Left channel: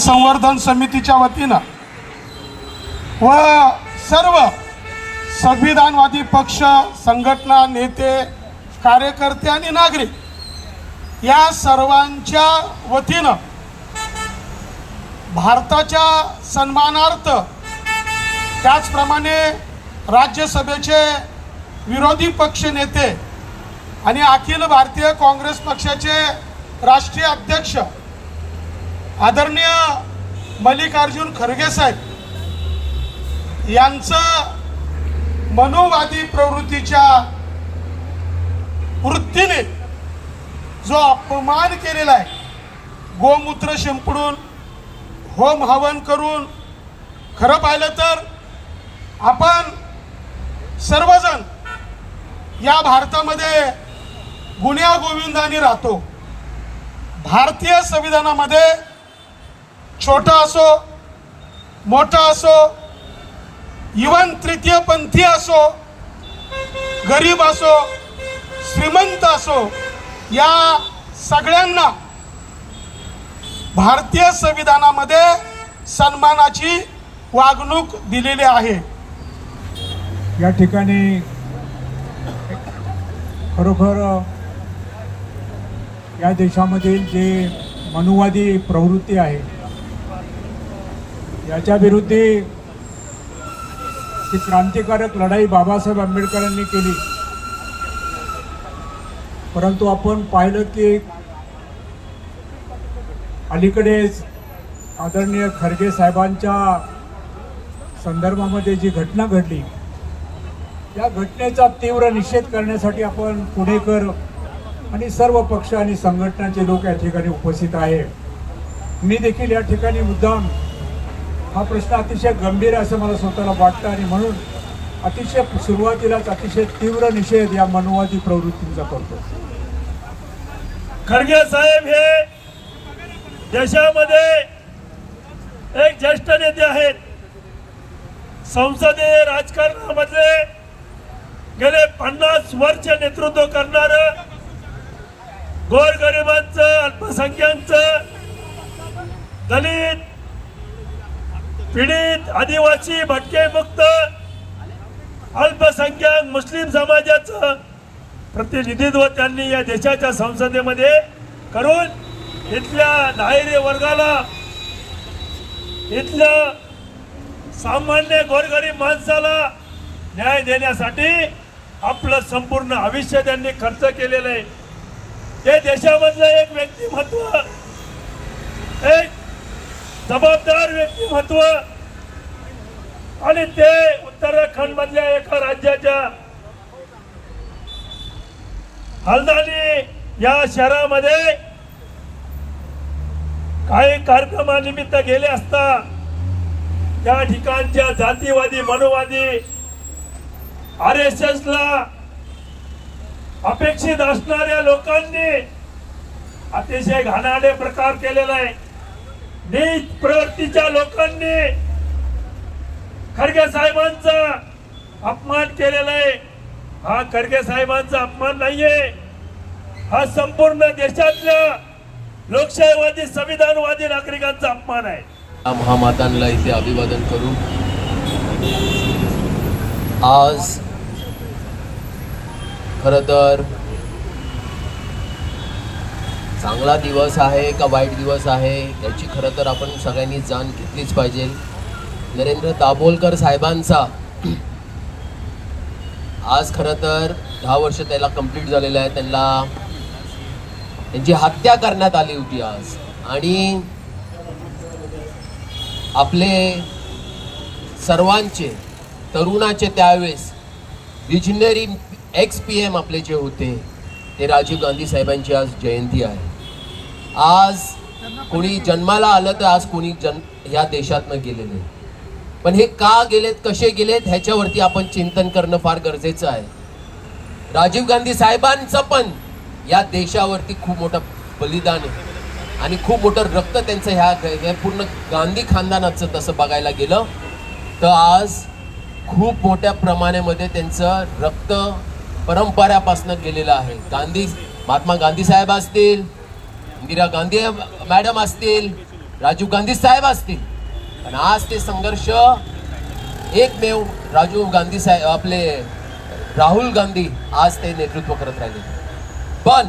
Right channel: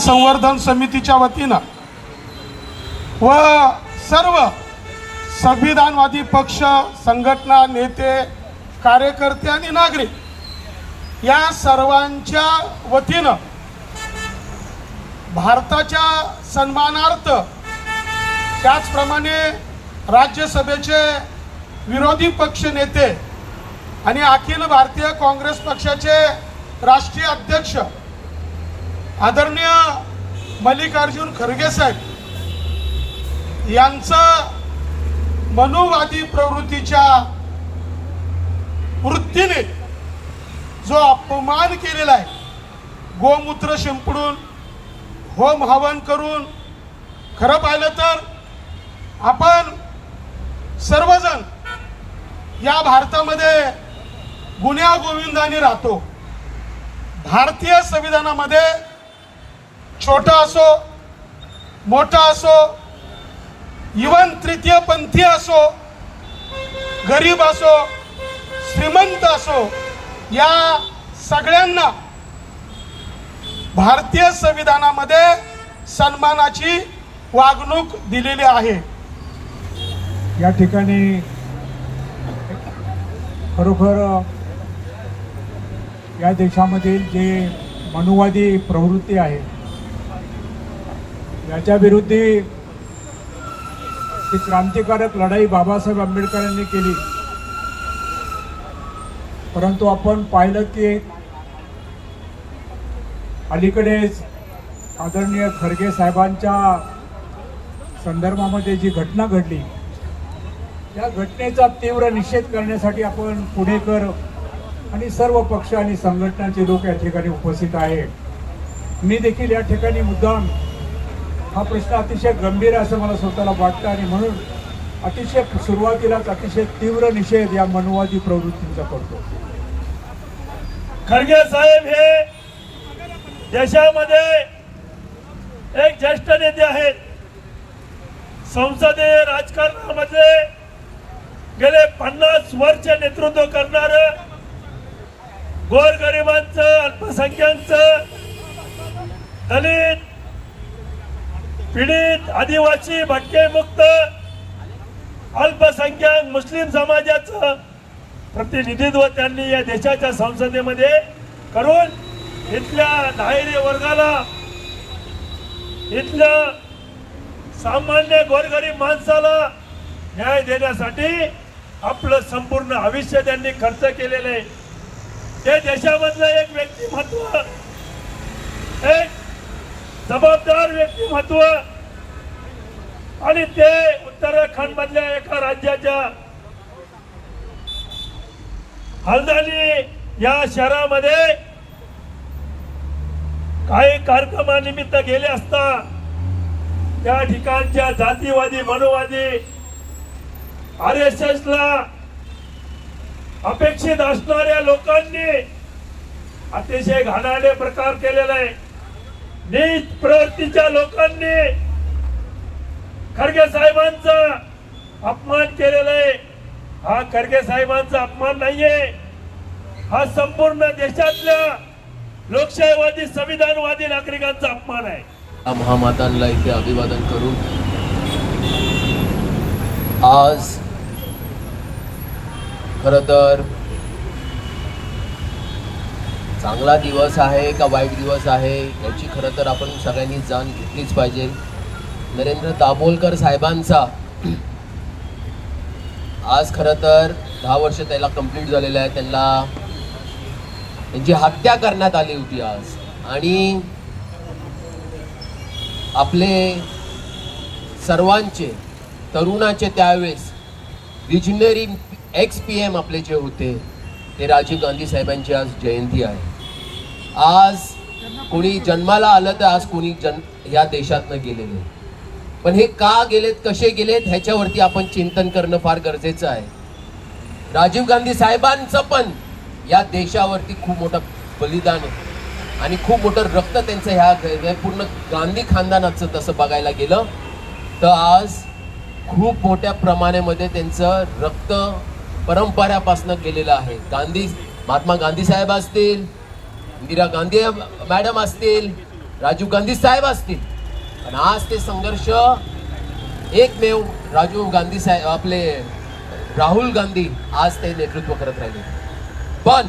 संवर्धन समितीच्या वतीनं व सर्व संविधानवादी पक्ष, संघटना, नेते, कार्यकर्ते आणि नागरिक या सर्वांच्या वतीनं भारताच्या सन्मानार्थ, त्याचप्रमाणे राज्यसभेचे विरोधी पक्ष नेते आणि अखिल भारतीय काँग्रेस पक्षाचे राष्ट्रीय अध्यक्ष आदरणीय मल्लिकार्जुन खरगे साहेब यांचं मनुवादी प्रवृत्तीच्या वृत्तीने जो अपमान केलेला आहे, गोमूत्र शिंपडून, होम हवन करून, खरं पाहिलं तर आपण सर्वजण या भारतामध्ये गुण्या गोविंदाने राहतो. भारतीय संविधानामध्ये छोटा असो, मोठा असो, इवन तृतीय पंथी असो, गरीब असो, श्रीमंत असो, या सगळ्यांना भारतीय संविधानामध्ये सन्मानाची वागणूक दिलेली आहे. या ठिकाणी खरोखर या देशामधील जे मनुवादी प्रवृत्ती आहे याच्या विरुद्ध ती क्रांतिकारक लढाई बाबासाहेब आंबेडकरांनी केली. परंतु आपण पाहिलं की अलीकडेच आदरणीय खरगे साहेबांच्या संदर्भामध्ये जी घटना घडली, या घटनेचा तीव्र निषेध करण्यासाठी आपण पुणेकर आणि सर्व पक्ष आणि संघटनांचे लोक या ठिकाणी उपस्थित आहे. मी देखील या ठिकाणी मुद्दाम हा प्रश्न अतिशय गंभीर आहे असं मला स्वतःला वाटतं आणि म्हणून अतिशय सुरुवातीलाच अतिशय तीव्र निषेध या मनुवादी प्रवृत्तींचा करतो. खरगे साहेब हे देशामध्ये एक ज्येष्ठ नेते आहेत. संसदीय राजकारणामध्ये गेले 50 वर्ष नेतृत्व करणार, गोरगरिबांचं, अल्पसंख्याकांचं, दलित, पीडित, आदिवासी, भटकेमुक्त, अल्पसंख्याक, मुस्लिम समाजाचं प्रतिनिधित्व त्यांनी या देशाच्या संसदेमध्ये करून इथल्या दारिद्र्य वर्गाला, इथल्या सामान्य गोरगरीब माणसाला न्याय देण्यासाठी आपलं संपूर्ण आयुष्य त्यांनी खर्च केलेलं आहे. ते देशामधलं एक व्यक्तिमत्व, एक जबाबदार व्यक्तिमत्व, आणि ते उत्तराखंड मधल्या एका राज्याच्या हल्दानी या शहरामध्ये काही कार्यक्रमानिमित्त गेले असता त्या ठिकाणच्या जातीवादी, मनुवादी, RSS ला अपेक्षित असणाऱ्या लोकांनी अतिशय घाणेरडे प्रकार केलेला आहे. नीच प्रवृत्तीच्या लोकांनी खरगे साहेबांचा अपमान केलेला आहे. हा खरगे साहेबांचा अपमान नाहीये, हा संपूर्ण देशातल्या लोकशाहीवादी, संविधानवादी नागरिकांचा अपमान आहे. महामातांना इथे अभिवादन करून आज खरं तर चांगला दिवस आहे का वाईट दिवस आहे याची खरं तर आपण सगळ्यांनी जाण घेतलीच पाहिजे. नरेंद्र दाभोलकर साहेबांचा आज खरं तर 10 वर्ष त्याला कंप्लीट झालेलं आहे. त्यांची हत्या करण्यात आली होती आज, आणि आपले सर्वांचे तरुणाचे त्यावेळेस विजनरी PM आपले जे होते ते राजीव गांधी साहेबांची आज जयंती आहे. आज कोणी जन्माला आलं तर आज कोणी या देशातनं गेलेले, पण हे का गेलेत, कसे गेलेत ह्याच्यावरती आपण चिंतन करणं फार गरजेचं आहे. राजीव गांधी साहेबांचं पण या देशावरती खूप मोठं बलिदान आहे आणि खूप मोठं रक्त त्यांचं ह्या पूर्ण गांधी खानदानाचं तसं बघायला गेलं तर आज खूप मोठ्या प्रमाणामध्ये त्यांचं रक्त परंपरापासून गेलेलं आहे. महात्मा गांधी साहेब असतील, इंदिरा गांधी मॅडम असतील, राजीव गांधी साहेब असतील, पण आज ते संघर्ष एकमेव राजीव गांधी साहेब आपले राहुल गांधी आज ते नेतृत्व करत राहिले. पण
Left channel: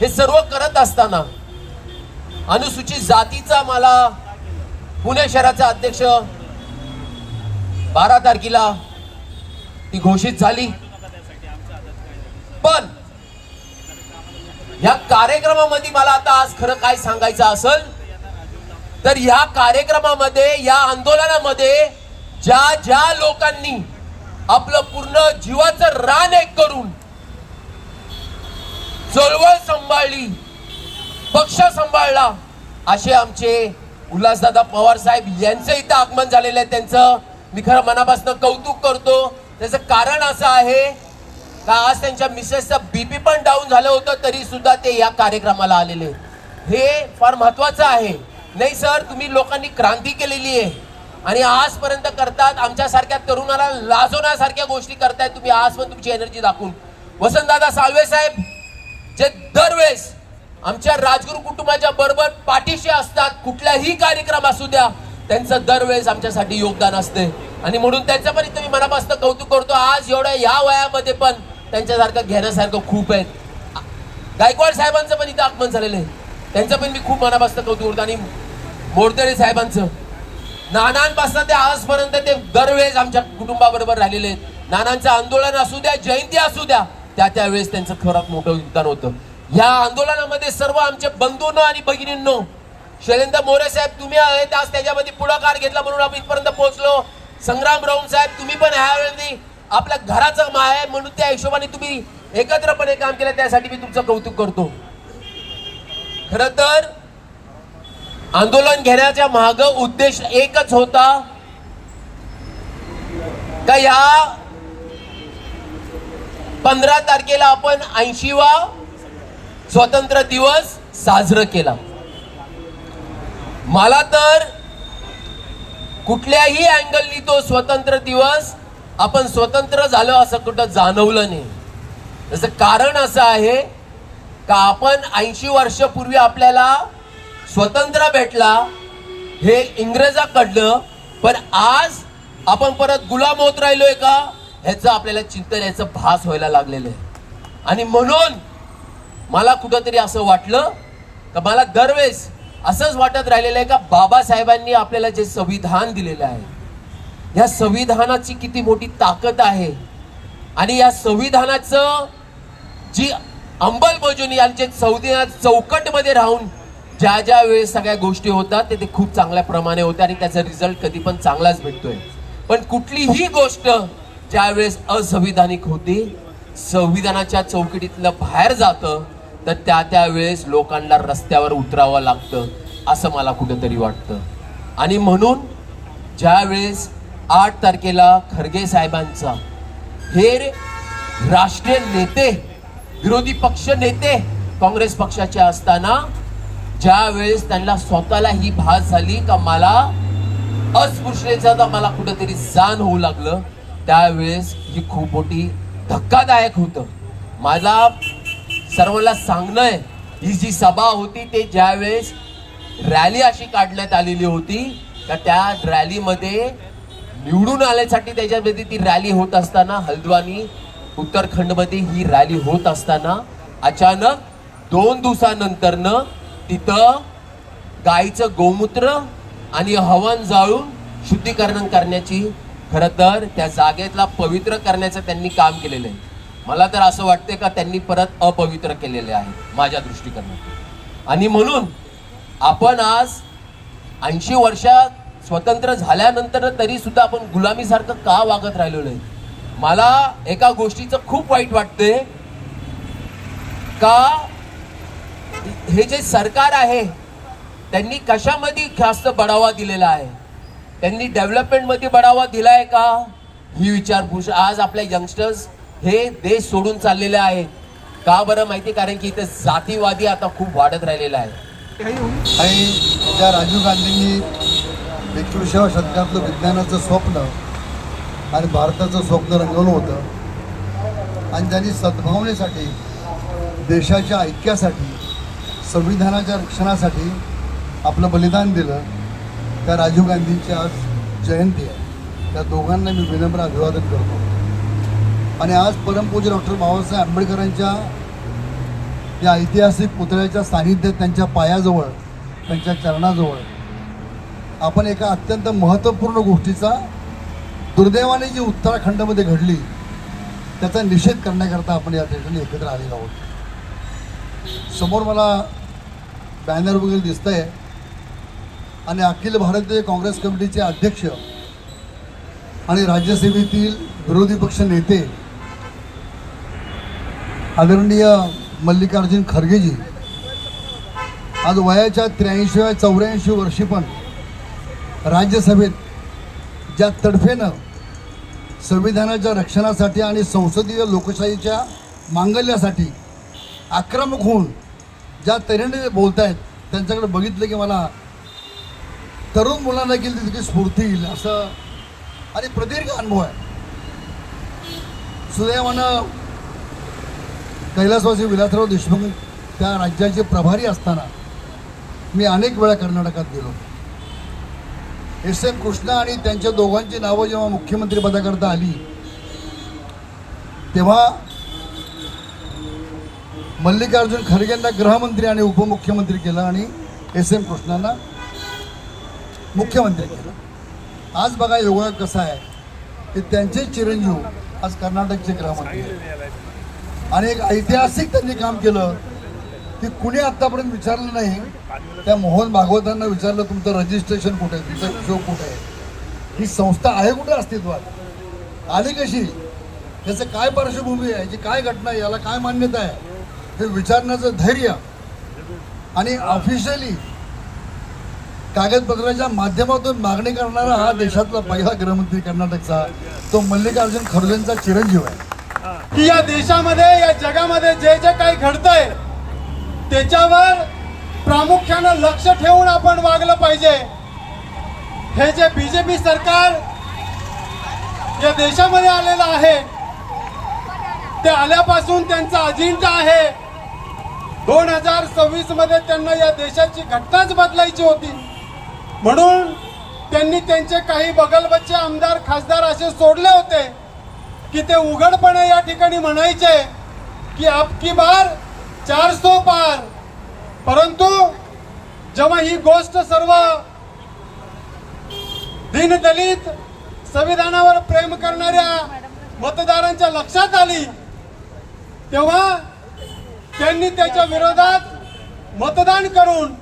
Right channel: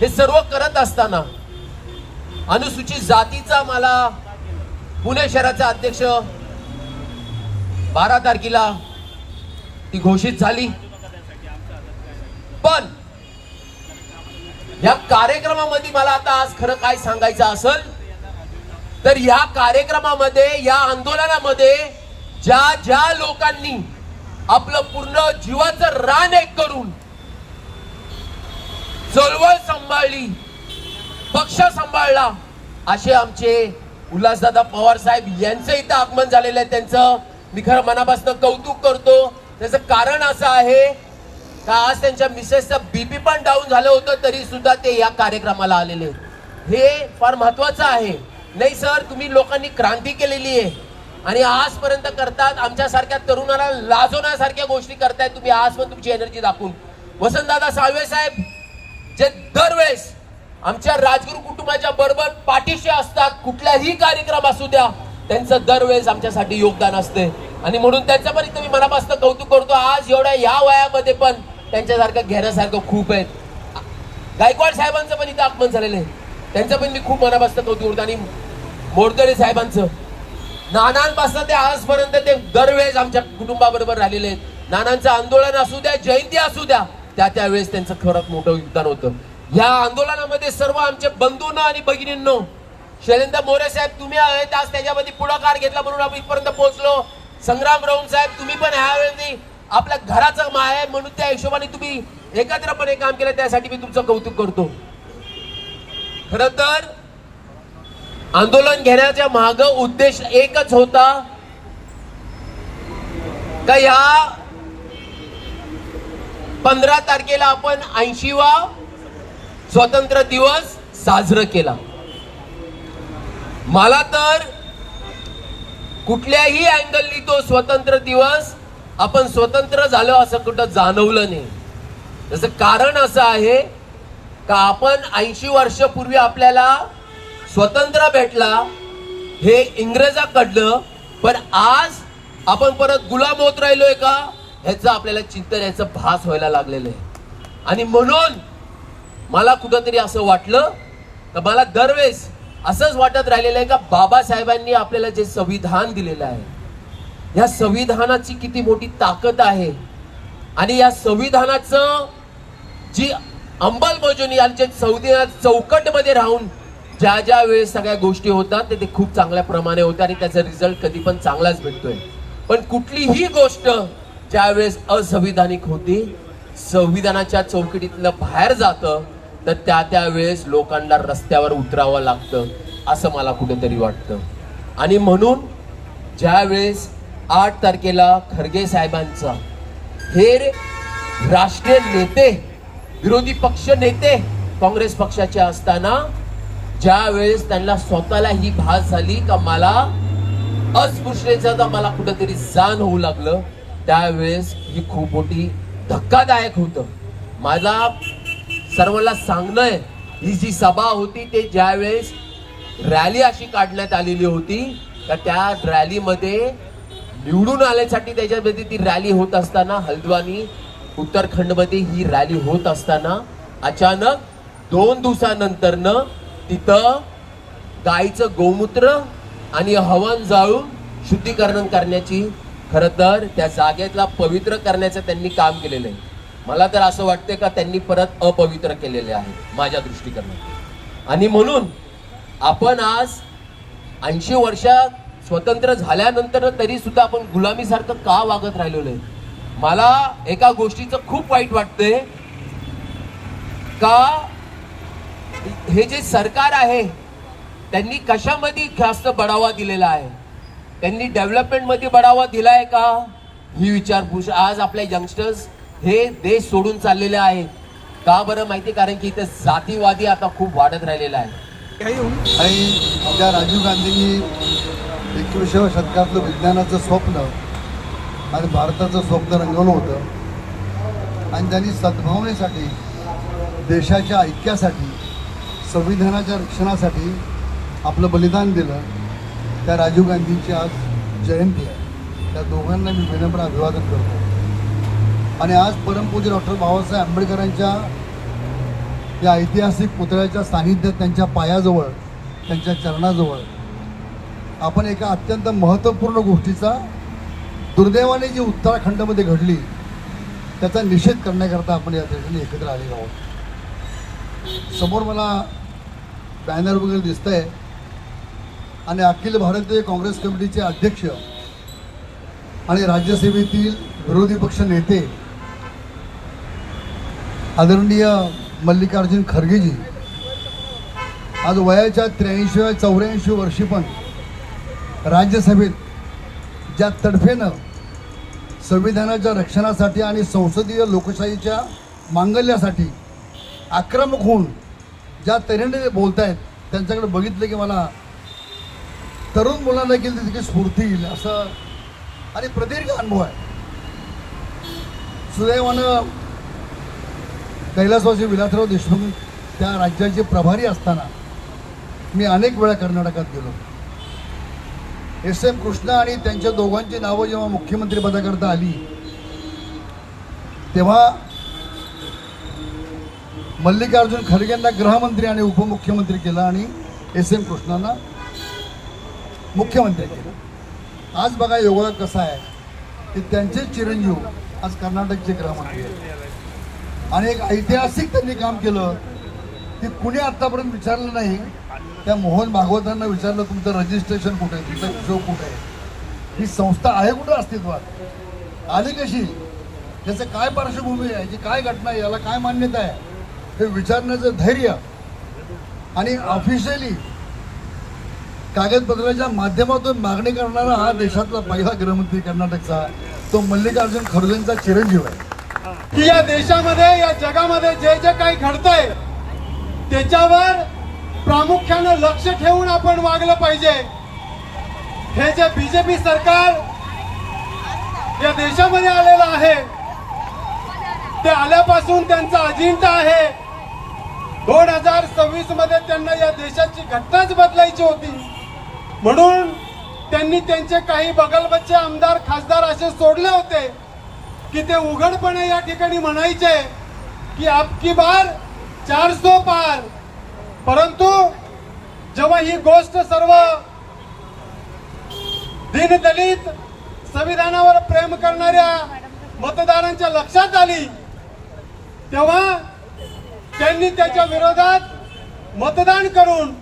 हे सर्व करत असताना अनुसूचित जातीचा मला पुणे शहराचा अध्यक्ष 12 तारखेला ती घोषित झाली. पण या कार्यक्रमामध्ये मला आता आज खरं काय सांगायचं असेल तर या कार्यक्रमामध्ये, या आंदोलनामध्ये ज्या ज्या लोकांनी आपलं पूर्ण जीवाचं रान एक करून चळवळ सांभाळली, पक्ष सांभाळला, असे आमचे उल्हासदादा पवार साहेब यांचं इथं आगमन झालेलं आहे. त्यांचं मी खरं मनापासून कौतुक करतो. त्याचं कारण असं आहे का आज त्यांच्या मिसेसचं बीपी पण डाऊन झालं होतं, तरी सुद्धा ते या कार्यक्रमाला आलेले. हे फार महत्वाचं आहे. नाही सर, तुम्ही लोकांनी क्रांती केलेली आहे आणि आजपर्यंत करतात. आमच्यासारख्या तरुणाला लाजवण्यासारख्या गोष्टी करतायत तुम्ही आज पण तुमची एनर्जी दाखवून. वसंतदादा साळवे साहेब जे दरवेळेस आमच्या राजगुरू कुटुंबाच्या बरोबर पाठीशी असतात, कुठलाही कार्यक्रम असू द्या त्यांचं दरवेळेस आमच्यासाठी योगदान असते आणि म्हणून त्यांचं पण इथं मी मनापासून कौतुक करतो. आज एवढ्या या वयामध्ये पण त्यांच्यासारखं घेण्यासारखं खूप आहेत. गायकवाड साहेबांचं पण इथं आगमन झालेलं आहे, त्यांचं पण मी खूप मनापासून कौतुक करतो. आणि मोरदरे साहेबांचं, नानांपासून ते आजपर्यंत ते दरवेळेस आमच्या कुटुंबाबरोबर राहिलेले आहेत. नानांचं आंदोलन असू द्या, जयंती असू द्या, त्यावेळेस त्यांचं खरं मोठं योगदान होतं. या आंदोलनामध्ये सर्व आमचे बंधूंनो आणि भगिनींनो, शैलेंद्र मोरे साहेब तुम्ही आहेत, आज त्याच्यामध्ये पुढाकार घेतला म्हणून आपण इथपर्यंत पोहोचलो. संग्राम राऊत साहेब तुम्ही पण ह्यावेळी आपल्या घराचं आहे म्हणून त्या हिशोबाने तुम्ही एकत्रपणे काम केलं, त्यासाठी मी तुमचं कौतुक करतो. खर तर आंदोलन घेण्याच्या माग उद्देश एकच होता का या 15 तारखेला आपण 80वा स्वातंत्र्य दिवस साजरा केला. मला तर कुठल्याही अँगलनी तो स्वतंत्र दिवस आपण स्वतंत्र झालं असं कुठं जाणवलं नाही. त्याचं कारण असं आहे का आपण 80 वर्षापूर्वी आपल्याला स्वतंत्र भेटला हे इंग्रजाकडनं, पण आज आपण परत गुलाम होत राहिलोय का ह्याचं आपल्याला चिंतन, याचं भास व्हायला लागलेलं आहे. आणि म्हणून मला कुठंतरी असं वाटलं का मला दरवेळेस असंच वाटत राहिलेलं आहे का बाबासाहेबांनी आपल्याला जे संविधान दिलेलं आहे, या संविधानाची किती मोठी ताकद आहे आणि या संविधानाचं जी अंमलबजावणी आमच्या संविधान चौकटमध्ये राहून ज्या ज्या वेळेस सगळ्या गोष्टी होतात ते खूप चांगल्या प्रमाणे होते आणि त्याचा रिझल्ट कधी पण चांगलाच भेटतोय. पण कुठलीही गोष्ट ज्या वेळेस असंविधानिक होती, संविधानाच्या चौकटीतलं बाहेर जातं, तर त्या वेळेस लोकांना रस्त्यावर उतरावं लागतं असं मला कुठेतरी वाटतं. आणि म्हणून ज्या वेळेस 8 तारखेला खरगे साहेबांचा हे राष्ट्रीय नेते, विरोधी पक्ष नेते काँग्रेस पक्षाचे असताना ज्या वेळेस त्यांना स्वतःला ही भास झाली का मला अस्पृश्यतेचा मला कुठेतरी जाण होऊ लागलं, त्यावेळेस ही खूप मोठी धक्कादायक होतं. माझा सर्वांना सांगणं आहे, ही जी सभा होती ते ज्यावेळेस रॅली अशी काढण्यात आलेली होती का त्या रॅलीमध्ये निवडून आल्यासाठी त्याच्यामध्ये ती रॅली होत असताना हल्द्वानी उत्तराखंडमध्ये ही रॅली होत असताना अचानक 2 दिवसानंतरनं तिथं गाईचं गोमूत्र आणि हवन जाळून शुद्धीकरण करण्याची, खरं तर त्या जागेतला पवित्र करण्याचं त्यांनी काम केलेलं आहे. मला तर असं वाटतंय का त्यांनी परत अपवित्र केलेले आहे माझ्या दृष्टिकोनातून. आणि म्हणून आपण आज 80 वर्षात स्वतंत्र झाल्यानंतर तरी सुद्धा आपण गुलामीसारखं का वागत राहिलो नाही. मला एका गोष्टीचं खूप वाईट वाटतंय का हे जे सरकार आहे त्यांनी कशामध्ये जास्त बढावा दिलेला आहे, त्यांनी डेव्हलपमेंट मध्ये बढावा दिलाय का ही विचारपूस. आज आपले यंगस्टर्स हे देश सोडून चाललेले आहेत का बरं माहिती, कारण की इथे जातीवादी आता खूप वाढत राहिलेला आहे. आणि ज्या राजीव गांधींनी 21व्या शतकातलं विज्ञानाचं स्वप्न आणि भारताचं स्वप्न रंगवलं होतं आणि त्यांनी सद्भावनेसाठी, देशाच्या ऐक्यासाठी, संविधानाच्या रक्षणासाठी आपलं बलिदान दिलं त्या राजीव गांधींची आज जयंती आहे. त्या दोघांना मी विनम्र अभिवादन करतो. आणि आज परमपूज्य डॉक्टर बाबासाहेब आंबेडकरांच्या या ऐतिहासिक पुतळ्याच्या सानिध्यात त्यांच्या पायाजवळ, त्यांच्या चरणाजवळ आपण एका अत्यंत महत्त्वपूर्ण गोष्टीचा दुर्दैवाने जी उत्तराखंडमध्ये घडली त्याचा निषेध करण्याकरता आपण या ठिकाणी एकत्र आलेलो आहोत. समोर मला बॅनर वगैरे दिसतंय आणि अखिल भारतीय काँग्रेस कमिटीचे अध्यक्ष आणि राज्यसभेतील विरोधी पक्ष नेते आदरणीय मल्लिकार्जुन खरगेजी आज वयाच्या 83-84 वर्षी पण राज्यसभेत ज्या तडफेनं संविधानाच्या रक्षणासाठी आणि संसदीय लोकशाहीच्या मांगल्यासाठी आक्रमक होऊन ज्या तऱ्हेने बोलत आहेत त्यांच्याकडे बघितलं की मला तरुण मुलांना देखील तितकी स्फूर्ती येईल असं आणि प्रदीर्घ अनुभव आहे. सुदैवानं कैलासवासी विलासराव देशमुख त्या राज्याचे प्रभारी असताना मी अनेक वेळा कर्नाटकात गेलो. एस.एम. कृष्णा आणि त्यांच्या दोघांची नावं जेव्हा मुख्यमंत्री पदाकरता आली तेव्हा मल्लिकार्जुन खरगेंना गृहमंत्री आणि उपमुख्यमंत्री केलं आणि एस.एम. कृष्णांना मुख्यमंत्री केलं. आज बघा योगा कसा आहे की त्यांचे चिरंजीव आज कर्नाटकचे गृहमंत्री आहेत. आणि एक ऐतिहासिक त्यांनी काम केलं की कुणी आतापर्यंत विचारलं नाही. त्या मोहन भागवतांना विचारलं तुमचं रजिस्ट्रेशन कुठे आहे, तुमचा हिशोब कुठे आहे, ही संस्था आहे कुठे अस्तित्वात, आली कशी, त्याचं काय पार्श्वभूमी आहे, की काय घटना आहे, याला काय मान्यता आहे, हे विचारण्याचं धैर्य आणि ऑफिशियली कागदपत्राच्या माध्यमातून मागणी करणारा हा देशातला पहिला गृहमंत्री कर्नाटकचा तो मल्लिकार्जुन खरगेंचा चिरंजीव आहे. की या देशामध्ये या जगामध्ये जे जे काही घडतंय त्याच्यावर प्रामुख्यानं लक्ष ठेवून आपण वागलं पाहिजे. हे जे बीजेपी सरकार या देशामध्ये आलेलं आहे ते आल्यापासून त्यांचा अजेंडा आहे 2026 मध्ये त्यांना या देशाची घटनाच बदलायची होती. म्हणून त्यांनी त्यांचे काही बगलबच्चे आमदार खासदार असे सोडले होते की ते उघडपणे या ठिकाणी म्हणायचे की अबकी बार 400 पार. परंतु जेव्हा ही गोष्ट सर्व दीनदलित संविधानावर प्रेम करणाऱ्या मतदारांच्या लक्षात आली तेव्हा त्यांनी त्याच्या विरोधात मतदान करून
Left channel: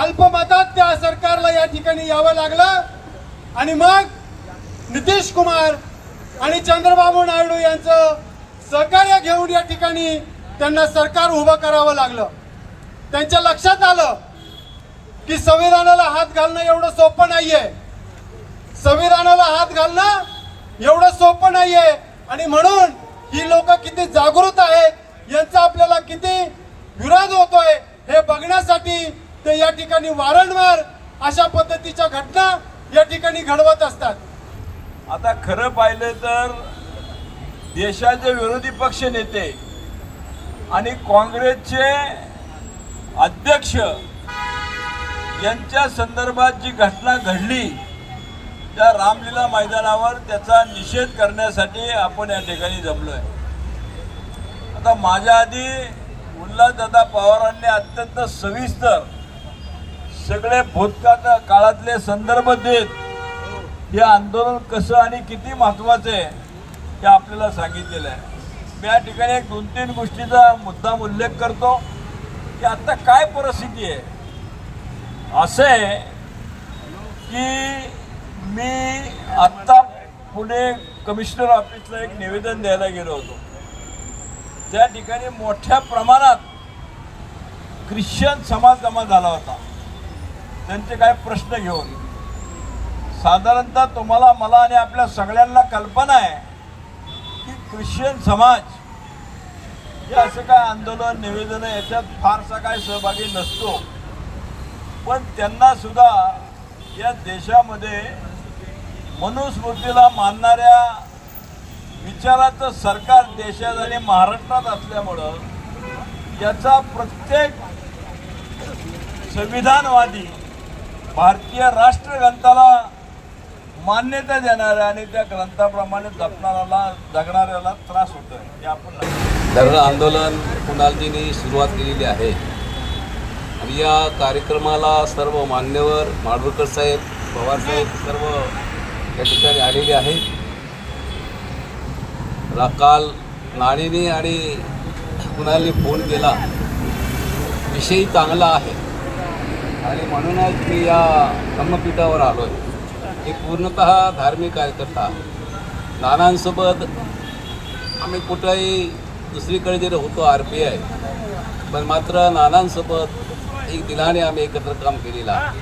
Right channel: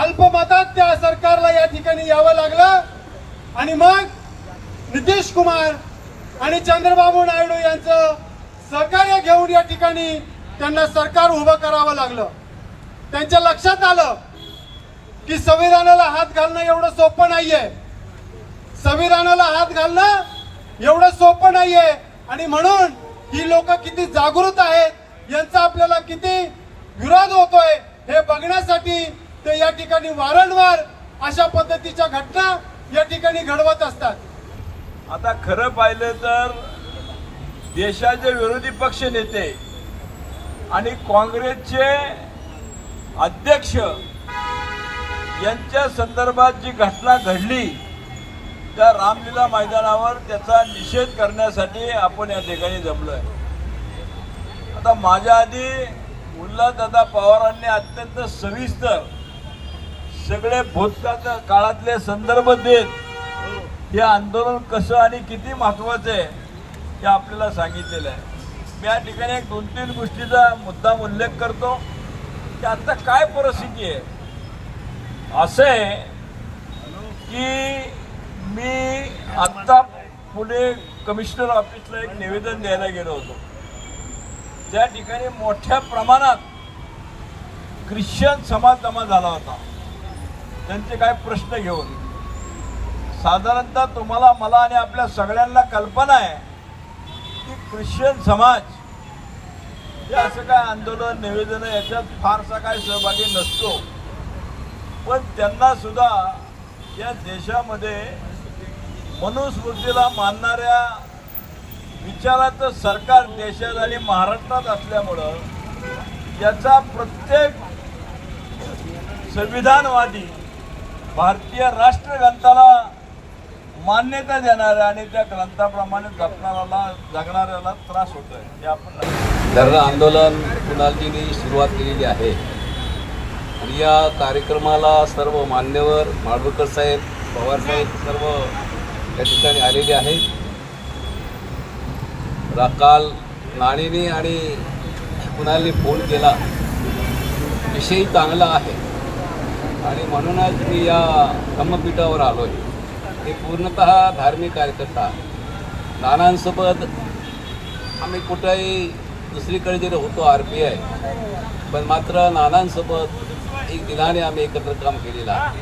अल्पमतात त्या सरकारला या ठिकाणी यावं लागलं. आणि मग नितीश कुमार आणि चंद्रबाबू नायडू यांचं सहकार्य घेऊन या ठिकाणी त्यांना सरकार उभं करावं लागलं. त्यांच्या लक्षात आलं की संविधानाला हात घालणं एवढं सोपं नाहीये, संविधानाला हात घालणं एवढं सोपं नाहीये. आणि म्हणून ही लोक किती जागृत आहेत, यांचा आपल्याला किती विरोध होतोय हे बघण्यासाठी ते या ठिकाणी वारंवार अशा पद्धतीच्या घटना या ठिकाणी घडवत असतात. आता खरं पाहिलं तर देशाचे विरोधी पक्ष नेते आणि काँग्रेसचे अध्यक्ष यांच्या संदर्भात जी घटना घडली त्या रामलीला मैदानावर त्याचा निषेध करण्यासाठी आपण या ठिकाणी जमलोय. आता माझ्या आधी उल्हासदादा पवारांनी अत्यंत सविस्तर सगळे भूतकाळ काळातले संदर्भ देत हे आंदोलन कसं आणि किती महत्वाचं आहे हे आपल्याला सांगितलेलं आहे. मी या ठिकाणी एक 2-3 गोष्टीचा मुद्दाम उल्लेख करतो की आता काय परिस्थिती आहे. असं आहे की मी आत्ता पुणे कमिशनर ऑफिसला एक निवेदन द्यायला गेलो होतो. त्या ठिकाणी मोठ्या प्रमाणात ख्रिश्चन समाज जमा झाला होता त्यांचे काय प्रश्न घेऊन. साधारणतः तुम्हाला मला आणि आपल्या सगळ्यांना कल्पना आहे की ख्रिश्चन समाज हे असं काय आंदोलन निवेदन याच्यात फारसा काय सहभागी नसतो. पण त्यांना सुद्धा या देशामध्ये मनुस्मृतीला मानणाऱ्या विचाराचं सरकार देशात आणि महाराष्ट्रात असल्यामुळं याचा प्रत्येक संविधानवादी भारतीय राष्ट्रग्रंथाला मान्यता देणाऱ्या आणि त्या ग्रंथाप्रमाणे जगणाऱ्याला त्रास होतोय हे आपण धरणं आंदोलन कुणालजींनी सुरुवात केलेली आहे आणि या कार्यक्रमाला सर्व मान्यवर माडगूळकर साहेब, पवार साहेब सर्व या ठिकाणी आलेले आहेत. काल नाणीने आणि कुणालने फोन केला, विषय चांगला आहे आणि म्हणूनच मी या धम्मपीठावर आलो आहे. हे पूर्णतः धार्मिक कार्यकर्ता. नानांसोबत आम्ही कुठेही दुसरीकडे जरी होतो RPI, पण मात्र नानांसोबत एक दिलाने आम्ही एकत्र काम केलेलं आहे.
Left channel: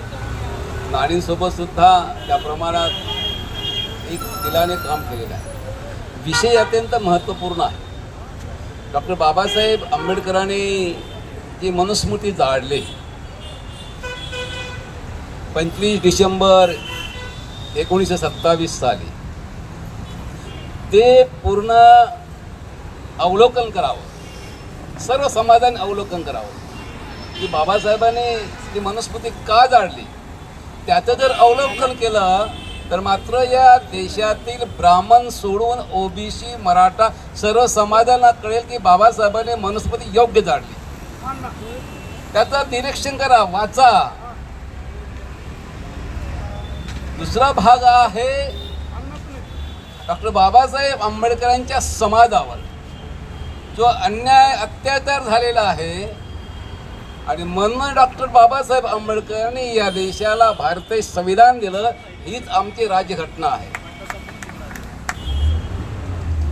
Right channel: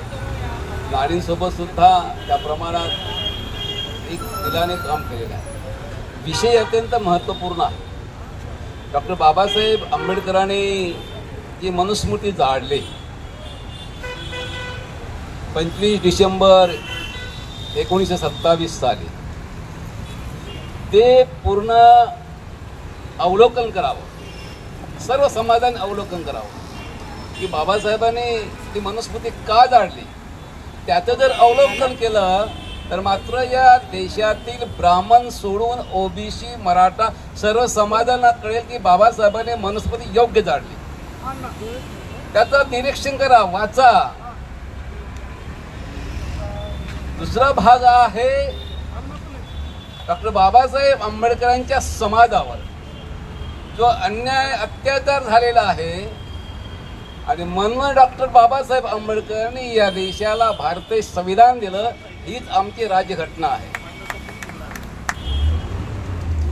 नाणींसोबत सुद्धा त्या प्रमाणात एक दिलाने काम केलेलं आहे. विषय अत्यंत महत्त्वपूर्ण आहे. डॉक्टर बाबासाहेब आंबेडकरांनी जी मनुस्मृती जाळली 25 डिसेंबर 1927 साली, ते पूर्ण अवलोकन करावं, सर्व समाजाने अवलोकन करावं की बाबासाहेबांनी ती मनुस्मृती का जाळली. त्याचं जर अवलोकन केलं तर मात्र या देशातील ब्राह्मण सोडून OBC, मराठा सर्व समाजाला कळेल की बाबासाहेबांनी मनुस्मृती योग्य जाळली. त्याचं निरीक्षण करा, वाचा. दुसरा भाग आहे डॉक्टर बाबासाहेब आंबेडकरांच्या समाजावर जो अन्याय अत्याचार झालेला आहे आणि म्हणून डॉक्टर बाबासाहेब आंबेडकरांनी या देशाला भारतीय संविधान दिलं. हीच आमची राज्यघटना आहे.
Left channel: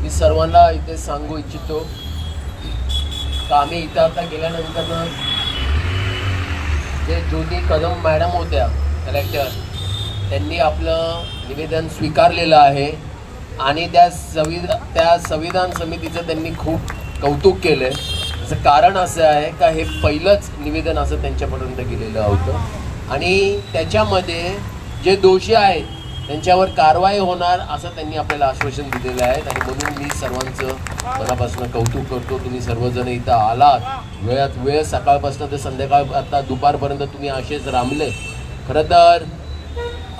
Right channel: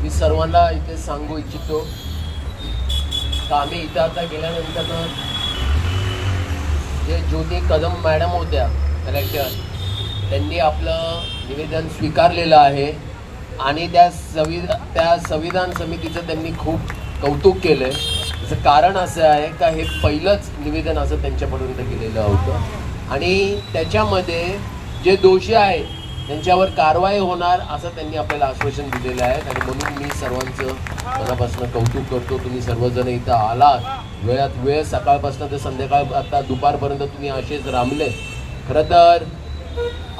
मी सर्वांना इथे सांगू इच्छितो का आम्ही इथं आता गेल्यानंतर जे ज्योती कदम मॅडम होत्या कलेक्टर, त्यांनी आपलं निवेदन स्वीकारलेलं आहे आणि त्या संविधान समितीचं त्यांनी खूप कौतुक केलं. त्याचं कारण असं आहे का हे पहिलंच निवेदन असं त्यांच्यापर्यंत गेलेलं होतं आणि त्याच्यामध्ये जे दोषी आहेत त्यांच्यावर कारवाई होणार असं त्यांनी आपल्याला आश्वासन दिलेलं आहे. आणि म्हणून मी सर्वांचं मनापासून कौतुक करतो. तुम्ही सर्वजण इथं आलात, वेळात वेळ, सकाळपासून ते संध्याकाळ आता दुपारपर्यंत तुम्ही असेच रामले. खरं तर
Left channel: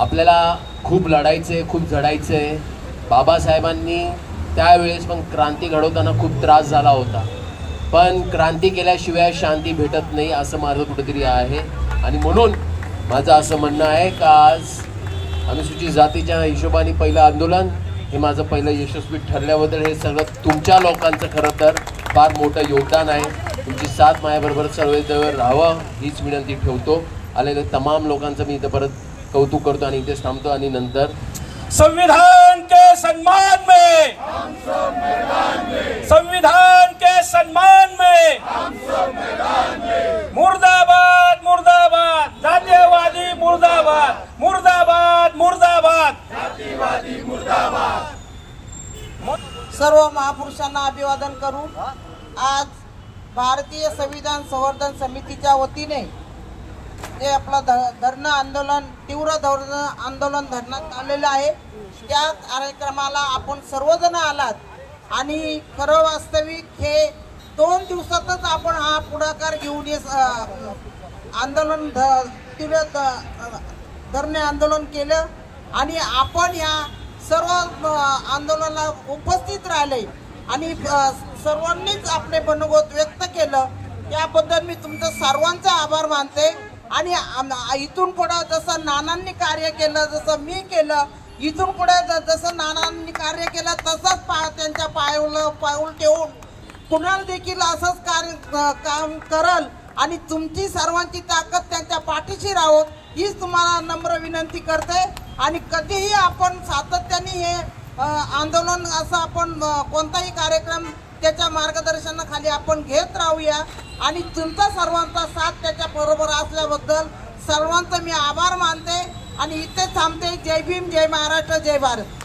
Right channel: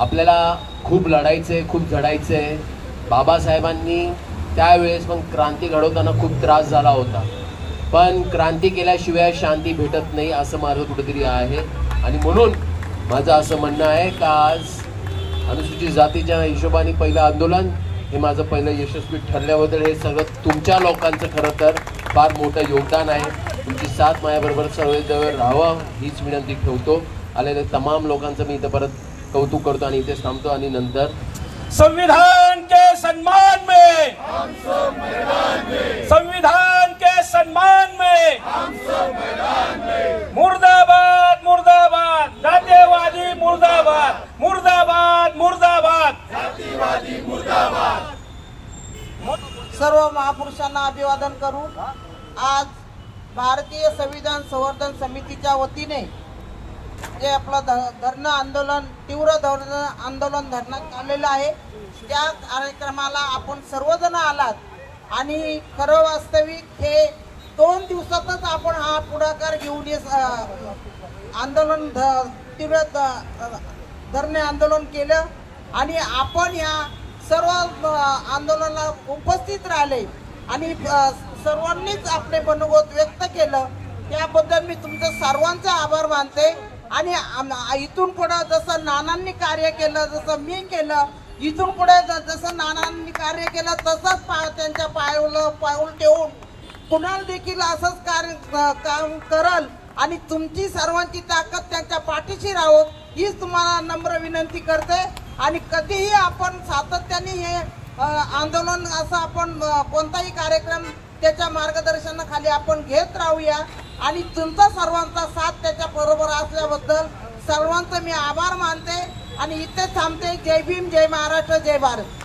आपल्याला खूप लढायचं आहे, खूप झडायचं आहे. बाबासाहेबांनी त्यावेळेस पण क्रांती घडवताना खूप त्रास झाला होता, पण क्रांती केल्याशिवाय शांती भेटत नाही असं माझं कुठेतरी आहे. आणि म्हणून माझं असं म्हणणं आहे का आज अनुसूचित जातीच्या हिशोबाने पहिलं आंदोलन हे माझं पहिलं यशस्वी ठरल्याबद्दल हे सगळं तुमच्या लोकांचं खरं तर फार मोठं योगदान आहे. तुमची साथ माझ्याबरोबर सर्व राहावं हीच विनंती ठेवतो. आलेल्या तमाम लोकांचं मी इथं परत कौतुक करतो आणि इथेच थांबतो आणि नंतर संविधान के सम्मान में, संविधान के सम्मान में, मुर्दाबाद मुर्दाबाद, जातीयवादी मुर्दाबाद, मुर्दाबाद मुर्दाबाद, जातीयवादी मुर्दाबाद. सर्व महापुरुषांना अभिवादन करू. आज भारतीय संविधान संवर्धन समितीच्या वतीने जे आपलं धरणं आंदोलन, तीव्र धरणं आंदोलन धरण्यात आलेलं आहे, त्या कार्यक्रमाला आपण सर्वजण आलात आणि खरं वास्तविक हे 2 दिवसातच आपण हा पुढाकार घेऊन आंदोलन तीव्र धरणे आंदोलन केलं आणि आपण या सर्व आंदोलनाला उपस्थित राहिले आणि सर्वांनीच आपले मनोगत व्यक्त केलं. त्याबद्दल मी तुमचं सर्वांचा आभार मानते. आणि इथून पुढे जसं नानांनी कार्य केलं, जसं मी केलं, इथून पुढे जसं नानांनी कार्य केलं तसंच त्यांच्या पाऊल ठेवून कुणाल देखील असंच काम करल आणि तुमची सर्वांची ताकद त्यांच्या पाठीशी राहो हीच तुम्हाला नम्र विनंती करते. आणि कधीही आपण सातत्याने हे आंदोलन असं आपण कोणताही कार्यक्रम त्याच्या मार्गदर्शनाखाली आपण घेत राहूया आणि तुमचा सर्वांचा साथ त्याच्या बरोबर असल्याबद्दल सर्वांचे मी आभार मानते आणि इथे थांबते. जय भीम, जय महाराष्ट्र, जय भारत.